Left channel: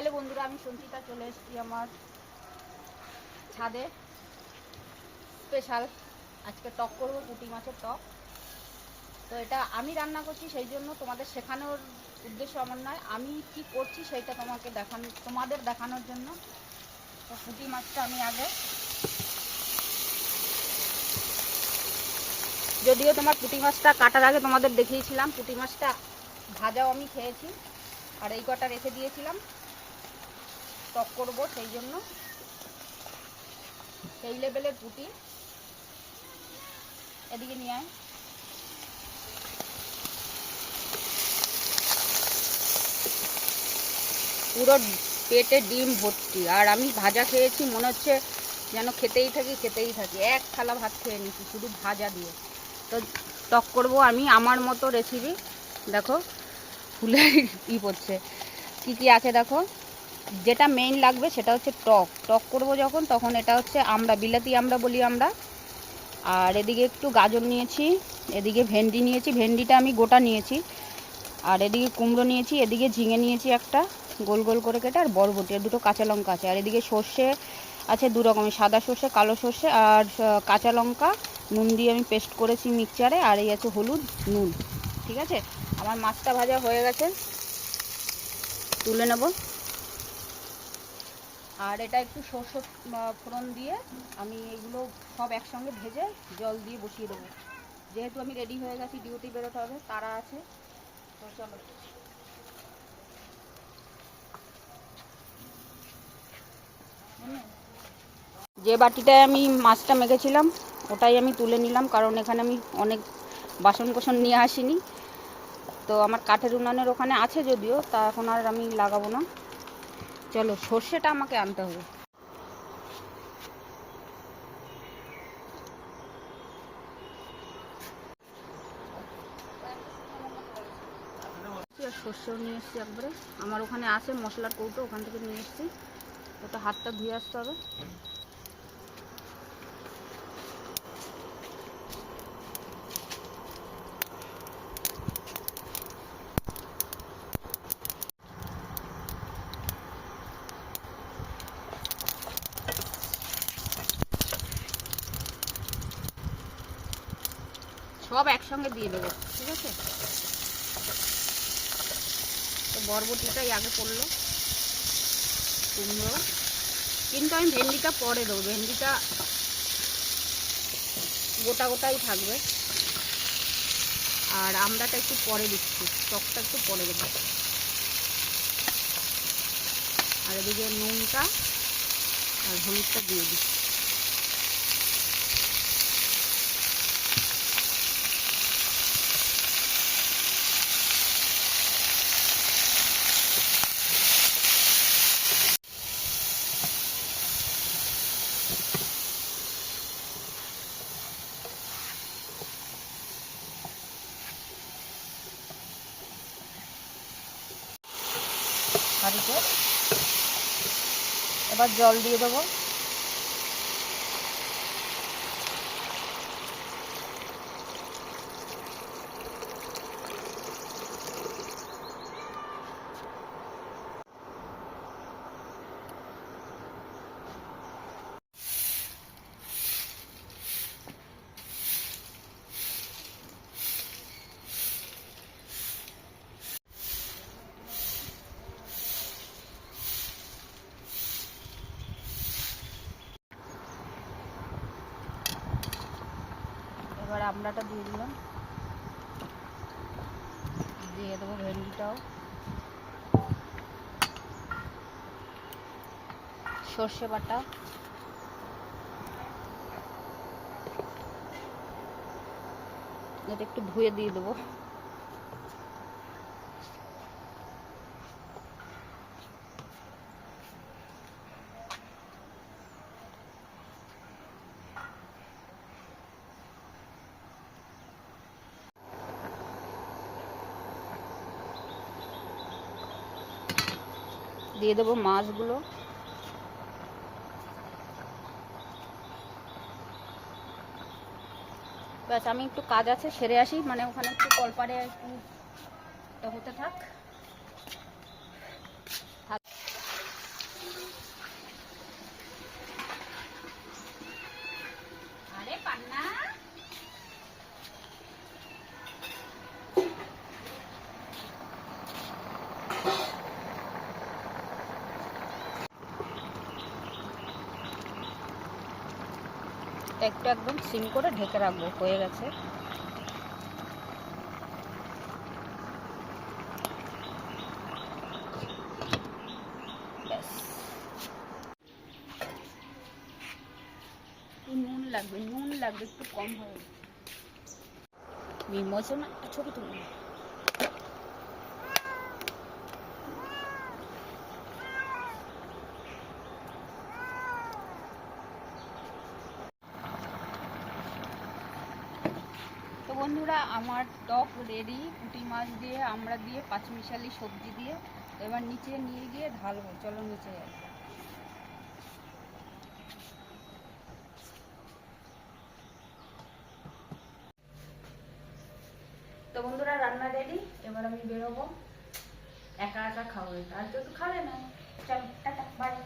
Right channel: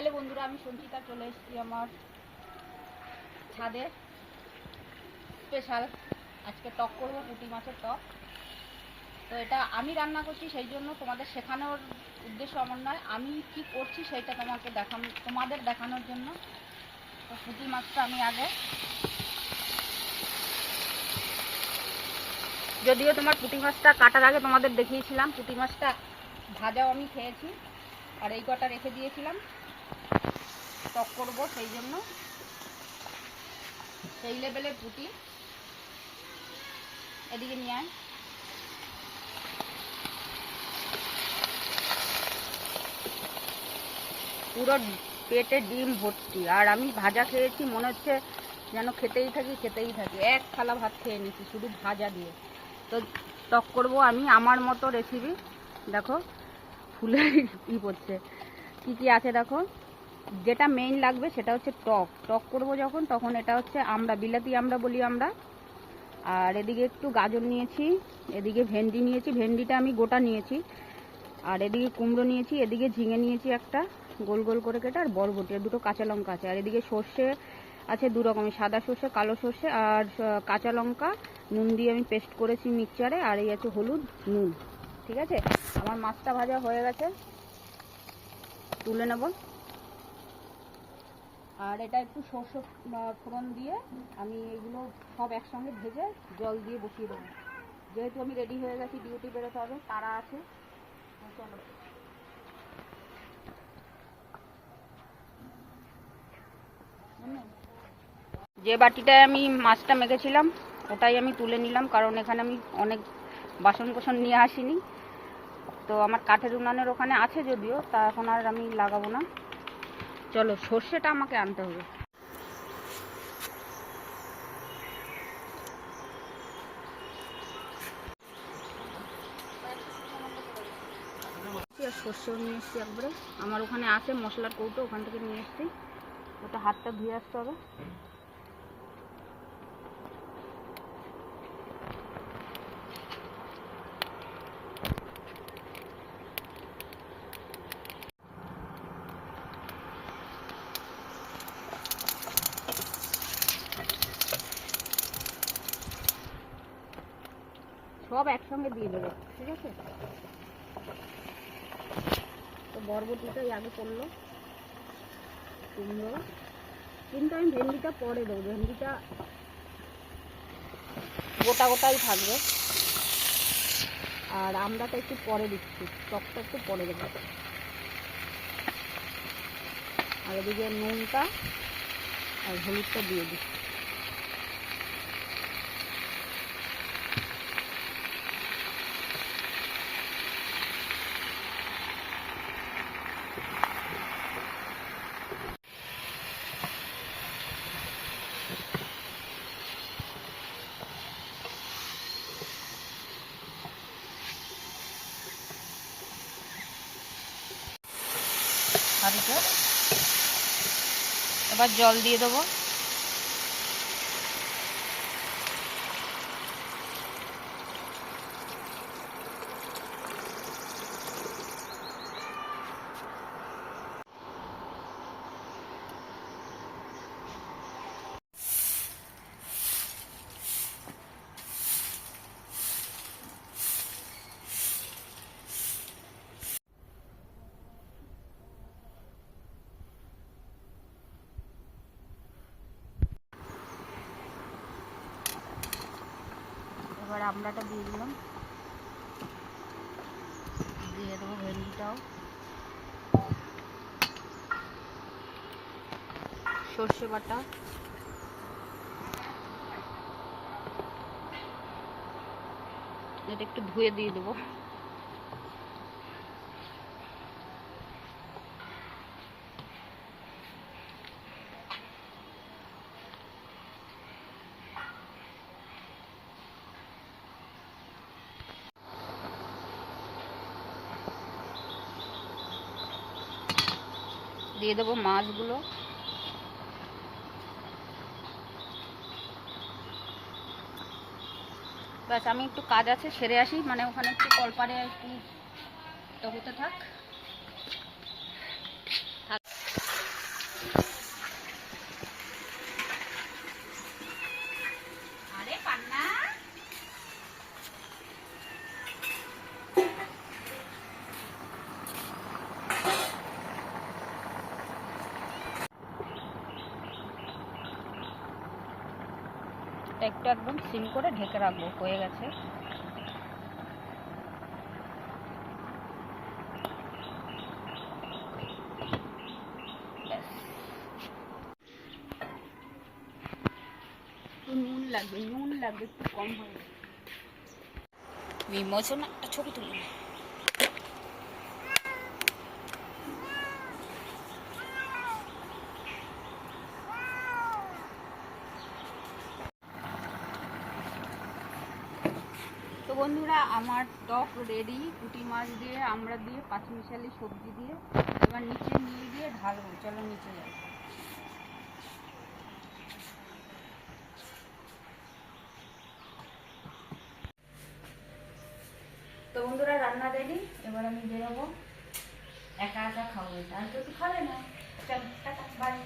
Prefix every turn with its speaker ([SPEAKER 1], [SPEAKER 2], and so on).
[SPEAKER 1] Hello বন্ধুরা, আমি সঞ্চিতা, চলে এসেছি আমার ছাদে। স্পেশাল আজকে টক করব পুঁটি মাছের টক। তো এটা আমি রান্না করছি, সেই জন্য তোমাদের শেখানোর উদ্দেশ্য আমার নয়। আমি কি করছি সেটা তোমাকে দেখানো, তোমাদের দেখানোর জন্য। তো পুঁটি মাছটা আমি আগে যদিও তোমার পুঁটি মাছটা কাটার আগে তোমাদের দেখিয়েছিলাম, পুঁটি মাছটা ভাজাও আমি খেয়েছি। আর এই কটা রেখে দিয়েছিলাম। টক করব, সেই জন্য। সেই লেভেলের পুঁটি। এদিকে নিয়ে আয়। পুরো পেটে ডিম ভর্তি। আর আমি ভাজা খেয়েছি, মনে হচ্ছে যেন খেতেই থাকি খেতেই থাকি। এক থালা ভাত খেয়ে নিচ্ছি শুধু ভাজা দিয়ে। তো টক করব আমি, আমার মতো রেসিপি দেখো ফুলে ই পড়ছে। কি কি আছে দেখো? যেটা মেইন লাগবে সেটা হচ্ছে টক। টক করব যখন, তখন এটা হচ্ছে আমরা, বিলাতি আমরা বলি আমরা। আর এদিকে একটু গাজর নিয়েছি, এদিকে ভেন্ডি নিয়েছি, ভেন্ডিটা আমি গোটা নিয়েছি। আর এদিকে কুমড়ো নিয়েছি, এদিকে ঝিঙে নিয়েছি একটা, গোল গোল করে কেটে, আর বরবটি, আর দুটো কাঁচা লঙ্কা আছে। আর এদিকে সর্ষে আছে দু রকমের সাদা সর্ষে, কালো সর্ষে, আর কাঁচা লঙ্কা। নুন দিয়ে আমি পেস্ট করেছি মিক্সচারে, আর এই আছে হলুদ নুন। ঠিক আছে? আমার মাছটা ভাজা হয়ে গেছে। তুলে নেব। আর এটা একটু সর্ষে ফোড়ন দিয়ে আমি এগুলো সব একসঙ্গে ভেজে জল দিয়ে বসিয়ে দেবো। যেহেতু আমি রেডি হয়ে গেছি ডিউটি বেরোতে হবে, তারা আছে চলো। যে বাটিটায় আমি মাছটা মেখেছিলাম, ওটাই আমি তুলে নিলাম, কারণ এখানে আমি অনেক বাসন কোসন নিয়ে আসিনি। তো আমার কাঠের উনানের ওখানে আছে যদিও, তা এখন আর আমি লাগাবো না। চলো, সর্ষেটা আমাকে আনতে হবে। সর্ষেও নিয়ে এসছি একবারে। আমার ওখানে আছে মশলার কৌটো, ওখান থেকে নিয়ে এসছি। ওটা হাতটা ধুয়ে আসতে হবে। সব একসঙ্গে দিয়ে দেবো, ঠিক আছে? তো বরবটিটাই আগে পড়ল, কুমড়ো। কিন্তু আমি ভেন্ডিটা পরে দেবো, ভেন্ডিটা গোটা গোটাই থাকবে। আর আমড়াটা একটু পরে দিচ্ছি, টকটা একটু পরে দেবো। আর এদিকে নুনটা আর হলুদটা দিয়ে দিচ্ছি। হাঁড়িতে এবার জল দিয়ে দেবো এবার আমড়াটা দিয়ে দিলাম। দিয়ে দেবো ভেন্ডিটাও। সর্ষে বাটা। এটা একটু ধুয়ে দিয়ে দেবো। দিয়ে দেবো মাছগুলো ব্যাস, আমি একটু কাজ আছে, সেরে আসি মানে ওখানে একটু কলপারে একটু হতে থাক। একটু একদম সিম করে ঢেকে রাখব, হয়ে গেছে। নুন লাগবে নুন লাগবে, একটু কম হয়ে বিমোচন, একটা ছবি তুলি। বন্ধুরা, আমার টক রেডি পুঁটি মাছ দিয়ে, আমরা দিয়ে পাঁচমিশালি সবজি দিয়ে, এবার নিচে নিয়ে গিয়ে ঢালবো চলো নিচে যাই। তো বন্ধুরা, রান্না রেডি এবার আমি বেরোবো। একা একা খাব এটা। আর কেউ খাবে? না। চল, টাটা বাই